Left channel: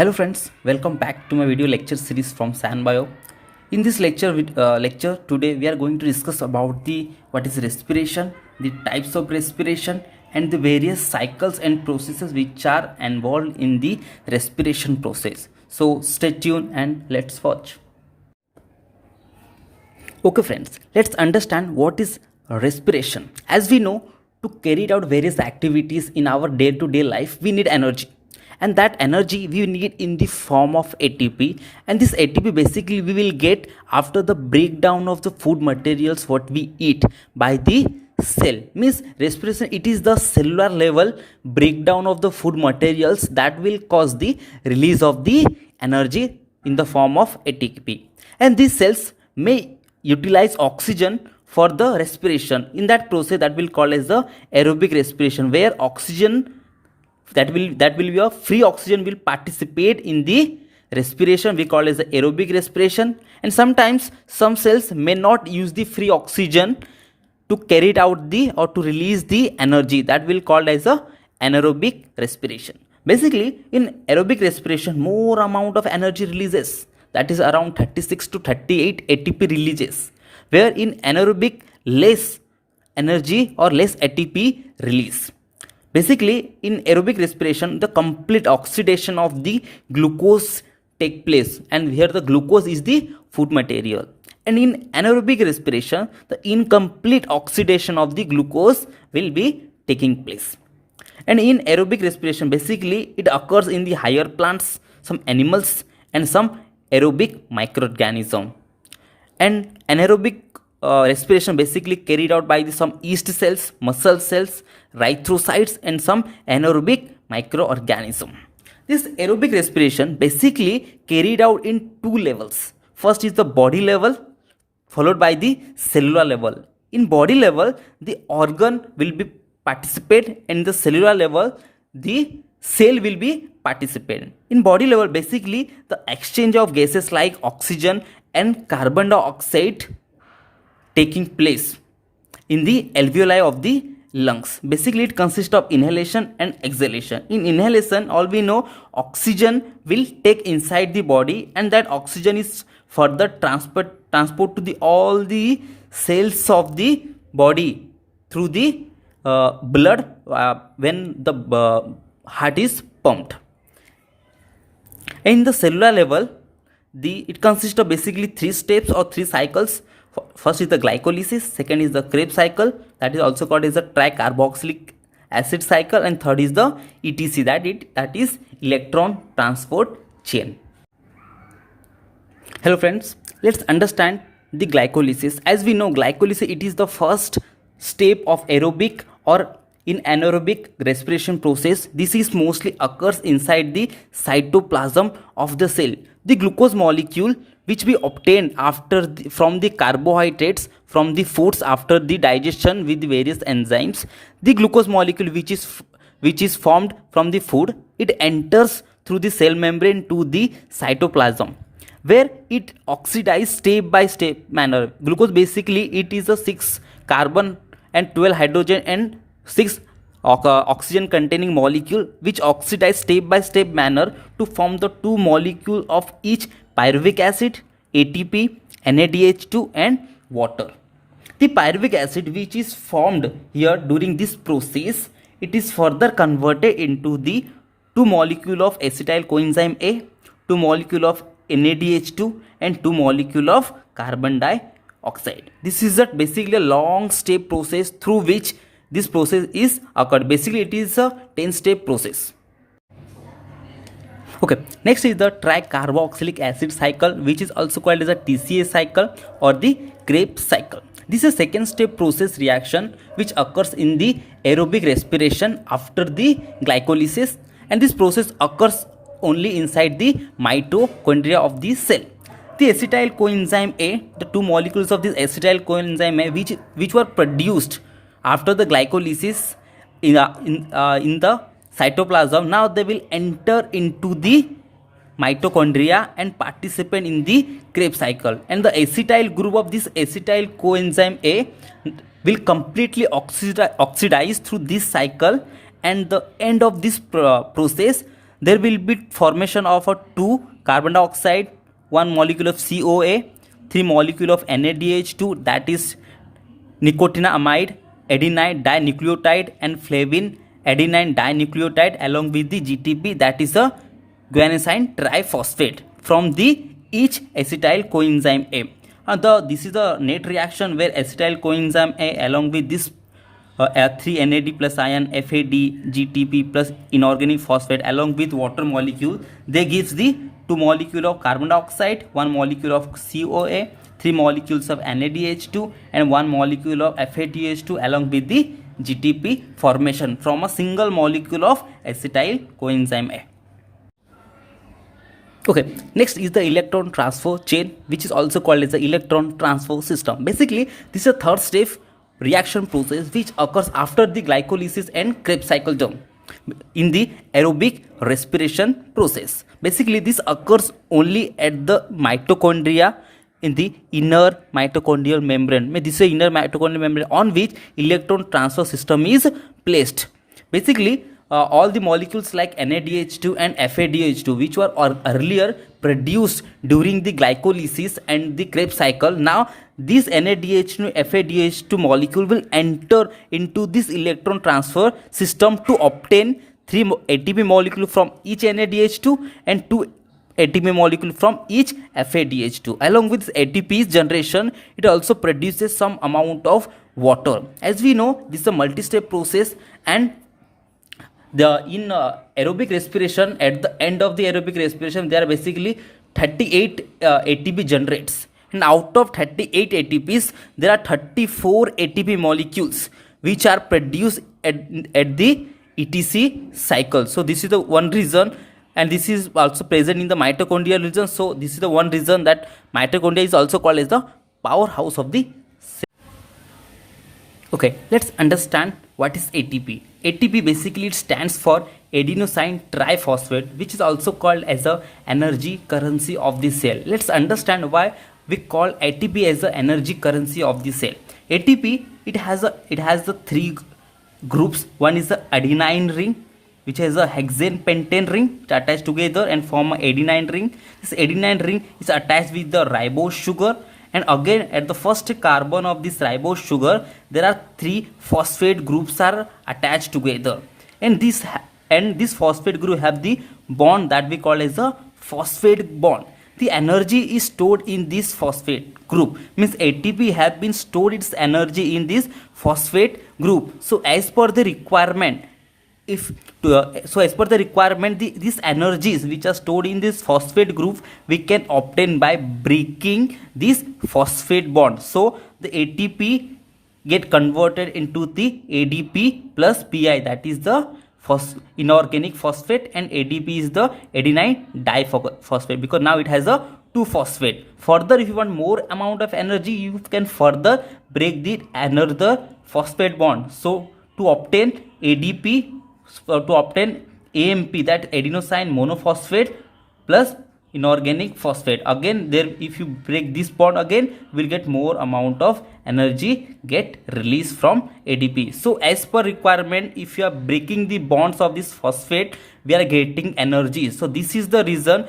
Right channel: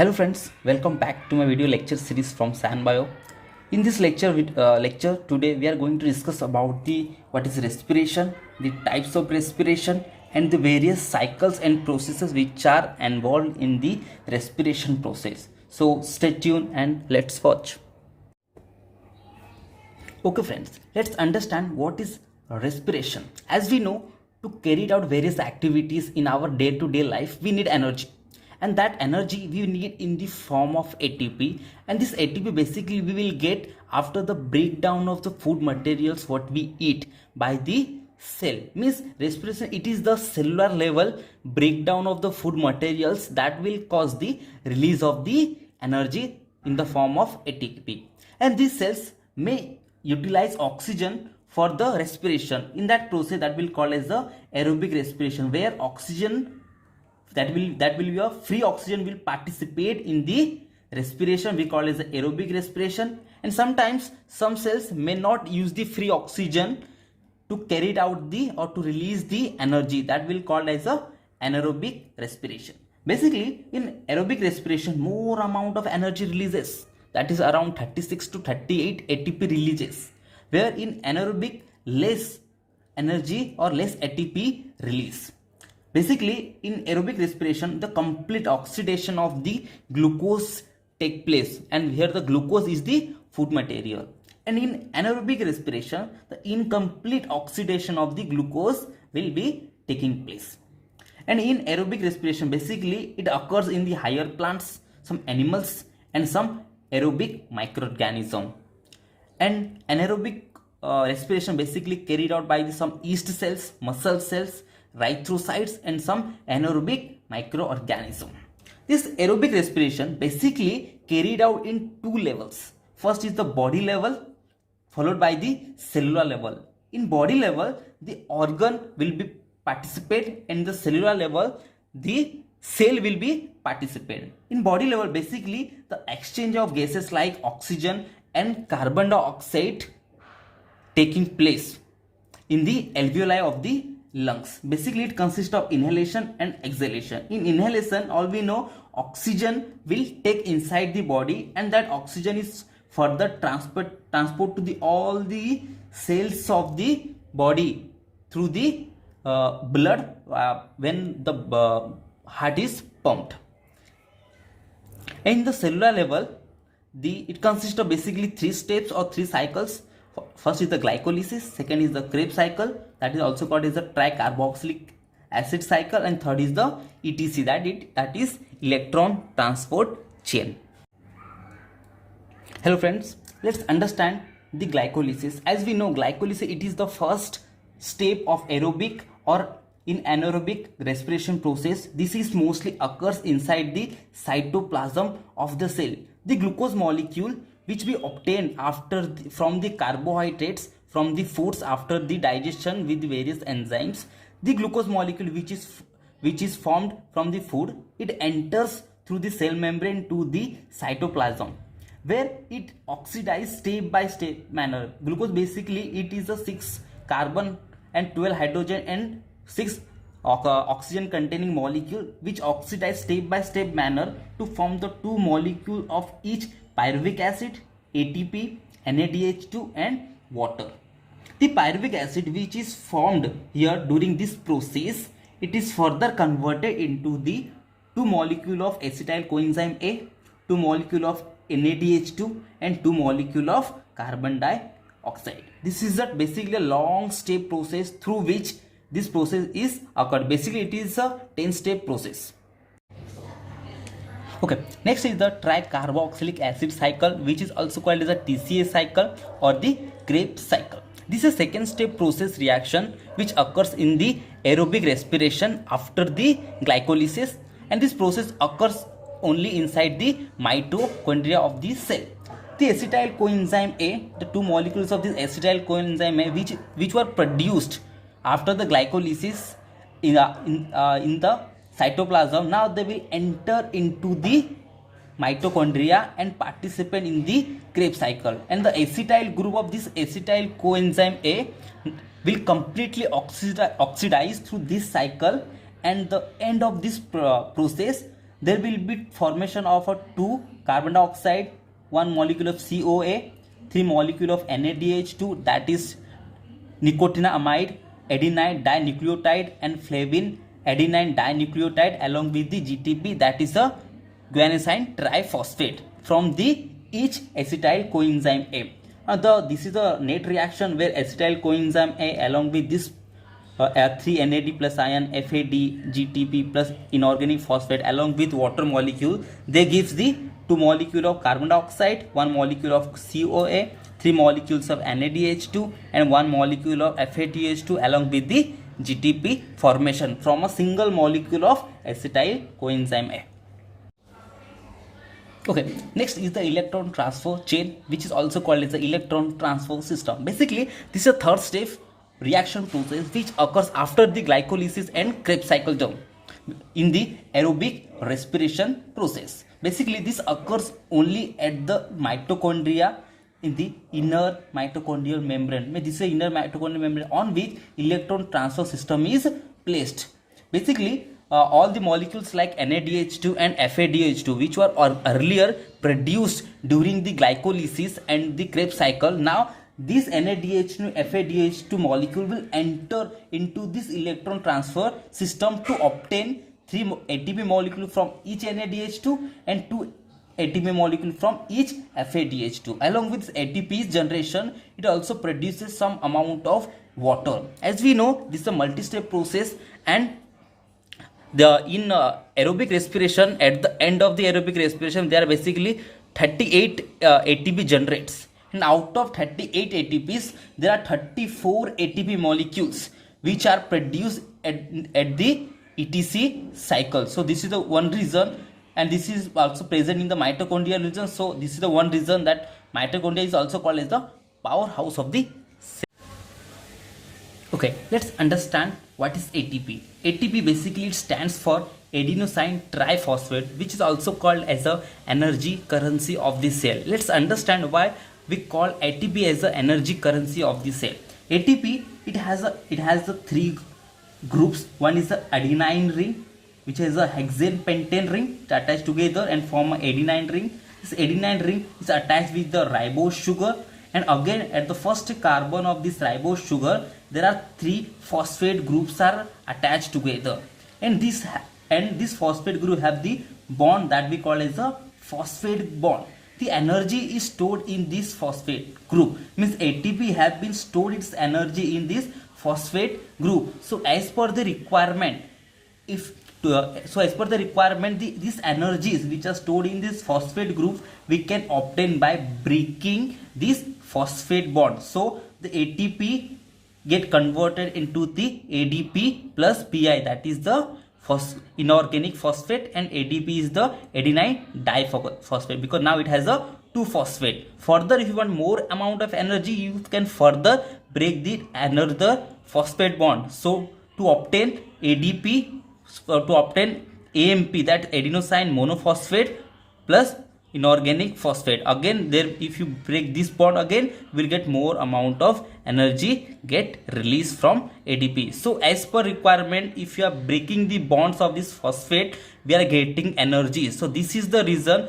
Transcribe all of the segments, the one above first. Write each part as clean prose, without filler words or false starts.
Hello friends, welcome back to my video lecture series from SanBio. In this lecture today we are going to discuss about the what is respiration, the types of respiration and the various cycles and processes which are involved in the respiration process. So stay tuned and let's watch. Okay friends, let's understand what is respiration. As we know, to carry out various activities in our day-to-day life, we need energy. And that energy we need in the form of ATP. And this ATP basically we will get after the breakdown of the food materials what we eat by the cell. Means respiration, it is the cellular level breakdown of the food materials that will cause the release of the energy in the form of ATP. And these cells may utilize oxygen for the respiration. In that process that will call as the aerobic respiration, where oxygen that will be a free oxygen will participate in the respiration, we call as the aerobic respiration. And sometimes some cells may not use the free oxygen to carry out the or to release the energy, that will called as a anaerobic respiration. Basically in aerobic respiration more amount of energy releases, that is around 36 to 38 ATP releases, where in anaerobic less energy or less ATP release. Basically in aerobic respiration the complete oxidation of the glucose take place, and here the glucose is the food material. And in anaerobic respiration the incomplete oxidation of the glucose will be taking place. And in aerobic respiration basically it occurs in the higher plants, some animals and some aerobic microorganism. And anaerobic respiration basically carried out by some yeast cells, muscle cells, erythrocytes and some anaerobic microorganism. This aerobic respiration basically carried out in two levels. First is the body level followed by the cellular level. In body level the organ will be participate, and the cellular level the cell will be participating. In body level basically the exchange of gases like oxygen and carbon dioxide taking place in the alveoli of the lungs. Basically it consists of inhalation and exhalation. In inhalation all we know oxygen will take inside the body, and that oxygen is further transport to the all the cells of the body through the blood when the heart is pumped. In the cellular level it consists of basically three steps or three cycles. First is the glycolysis, second is the Krebs cycle, that is also called as the tricarboxylic acid cycle, and third is the ETC, that is electron transport chain. Hello friends, let's understand the glycolysis. As we know glycolysis, it is the first step of aerobic or in anaerobic respiration process. This is mostly occurs inside the cytoplasm of the cell. The glucose molecule which we obtain from the carbohydrates from the foods after the digestion with various enzymes, the glucose molecule which is formed from the food, it enters through the cell membrane to the cytoplasm, where it oxidizes step by step manner. Glucose basically it is a 6 carbon and 12 hydrogen and 6 oxygen containing molecule which oxidize step by step manner to form the two molecule of each pyruvic acid, ATP, NADH2 and water. The pyruvic acid which is formed here during this process, it is further converted into the two molecule of acetyl coenzyme A, two molecule of NADH2 and two molecule of carbon dioxide. This is basically a long step process through which this process is occurred. Basically it is a 10-step process. Okay, next is the tricarboxylic acid cycle, which is also called as a TCA cycle or the Krebs cycle. This is a second step process reaction which occurs in the aerobic respiration after the glycolysis, and this process occurs only inside the mitochondria of the cell. The acetyl coenzyme A, the two molecules of this acetyl coenzyme A which were produced after the glycolysis in the cytoplasm, now they will enter into the mitochondria and participate in the Krebs cycle, and the acetyl group of this acetyl coenzyme A will completely oxidize through this cycle, and the end of this process there will be formation of a 2 carbon dioxide, 1 molecule of COA, 3 molecule of NADH2, that is nicotinamide adenine dinucleotide, and flavin adenine dinucleotide, along with the GTP, that is a guanosine triphosphate from the each acetyl coenzyme A. This is the net reaction where acetyl coenzyme A along with this 3 NAD plus ion, FAD, GTP plus inorganic phosphate along with water molecule, they gives the 2 molecule of carbon dioxide, 1 molecule of COA, 3 molecules of NADH2 and 1 molecule of FADH2 along with the GTP formation from a single molecule of acetyl coenzyme A. Okay, next is the electron transfer chain, which is also called as the electron transfer system. Basically, this is a third step reaction process which occurs after the glycolysis and Krebs cycle term in the aerobic respiration process. Basically, this occurs only at the mitochondria in the inner mitochondrial membrane. This is the inner mitochondrial membrane on which electron transfer system is placed. Basically, all the molecules like NADH2 and FADH2, which were earlier produced during the glycolysis and the Krebs cycle, now this NADH2 FADH2 molecule will enter into this electron transfer system to obtain 3 ATP molecule from each NADH2 and 2 ATP molecule from each FADH2. Along with ATP's generation, it also produces some amount of water. As we know, this is a multi-step process, and in aerobic respiration, at the end of the aerobic respiration, there are basically 38 ATP generates, and out of 38 ATPs, there are 34 ATP molecules which are produced at the ETC cycle. So this is the one reason, and this is also present in the mitochondrial region. So this is the one reason that mitochondria is also called as the powerhouse of the cell. Okay, let's understand what is ATP. ATP basically it stands for adenosine triphosphate, which is also called as a energy currency of the cell. Let's understand why we call ATP as the energy currency of the cell. ATP it has the 3 groups. One is the adenine ring, which has a hexane pentane ring attached together and form an adenine ring. This adenine ring is attached with the ribose sugar, and again at the first carbon of this ribose sugar there are 3 phosphate groups are attached together, and this phosphate group have the bond that we call as a phosphate bond. The energy is stored in this phosphate group, means ATP have been stored its energy in this phosphate group. So as per the requirement, these energies which are stored in this phosphate group we can obtain by breaking this phosphate bond. So the ATP get converted into the ADP plus PI, that is the inorganic phosphate, and ADP is the adenine diphosphate, because now it has a 2 phosphate. Further, if you want more amount of energy, you can further break the another phosphate bond. So to obtain ADP, to obtain AMP, that adenosine monophosphate plus inorganic phosphate, again there if you break this bond again will get more amount of energy get released from ADP. So as per requirement, if you are breaking the bonds of this phosphate, we are getting energy. So this is the reason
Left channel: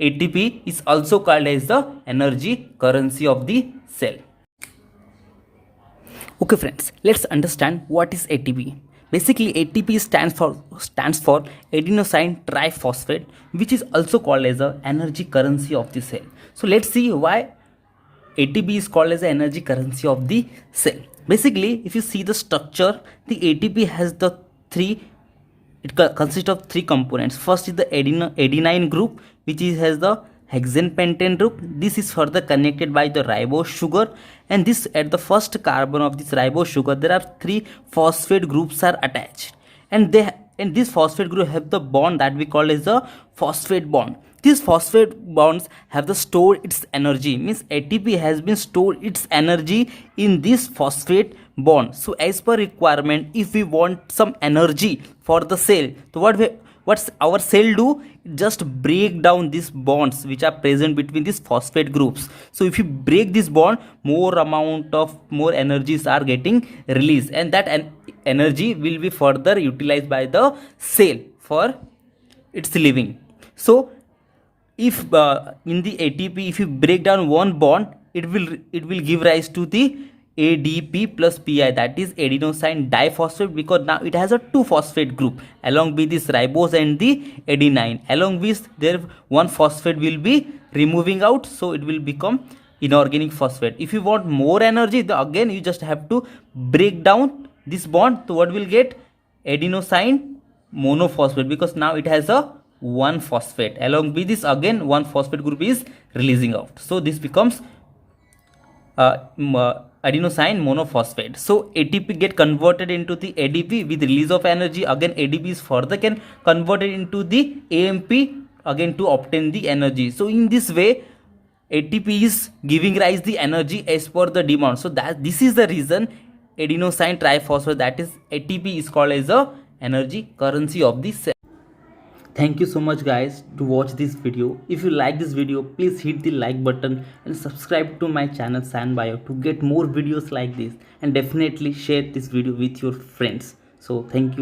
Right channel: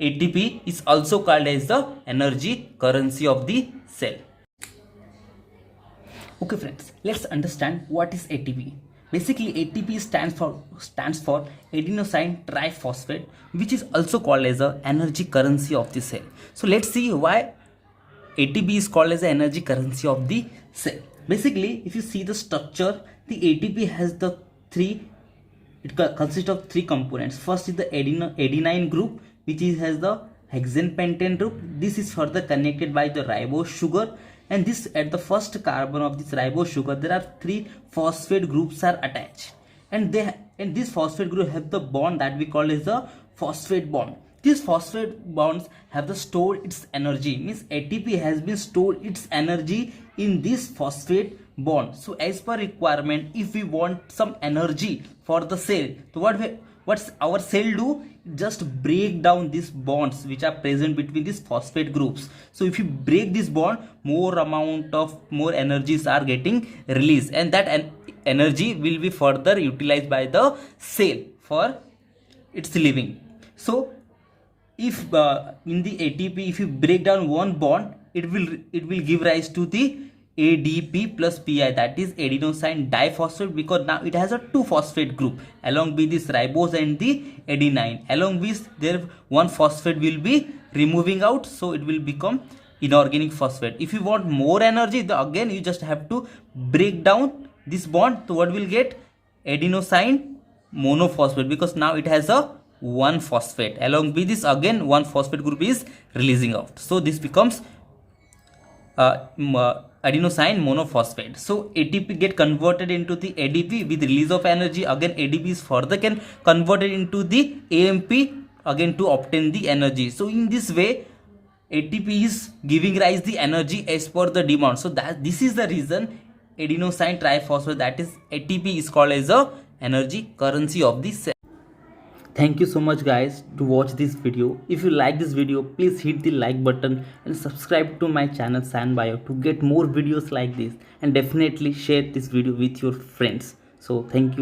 ATP is also called as the energy currency of the cell. Okay friends, let's understand what is ATP. Basically, ATP stands for adenosine triphosphate, which is also called as the energy currency of the cell. So let's see why ATP is called as the energy currency of the cell. Basically, if you see the structure, the ATP has the it consists of 3 components. First is the adenine group, which has the hexane pentane group. This is further connected by the ribose sugar, and this at the first carbon of this ribose sugar there are 3 phosphate groups are attached, and this phosphate group have the bond that we call as the phosphate bond. These phosphate bonds have the stored its energy, means ATP has been stored its energy in this phosphate bond. So as per requirement, if we want some energy for the cell, so what's our cell do? Just break down these bonds which are present between these phosphate groups. So if you break this bond, more energies are getting released, and that energy will be further utilized by the cell for it's leaving. So if in the ATP, if you break down one bond, it will give rise to the ADP plus PI, that is adenosine diphosphate, because now it has a 2 phosphate group along with this ribose and the adenine. Along with there one phosphate will be removing out, so it will become inorganic phosphate. If you want more energy, again you just have to break down this bond. So what will get? Adenosine monophosphate, because now it has a 1 phosphate. Along with this again 1 phosphate group is releasing out, so this becomes adenosine monophosphate. So ATP get converted into the ADP with release of energy. Again ADP is further can converted into the AMP again to obtain the energy. So in this way ATP is giving rise the energy as per the demand. So that this is the reason adenosine triphosphate, that is ATP, is called as a energy currency of the cell. Thank you so much guys to watch this video. If you like this video, please hit the like button and subscribe to my channel ScienceBio to get more videos like this, and definitely share this video with your friends. So thank you.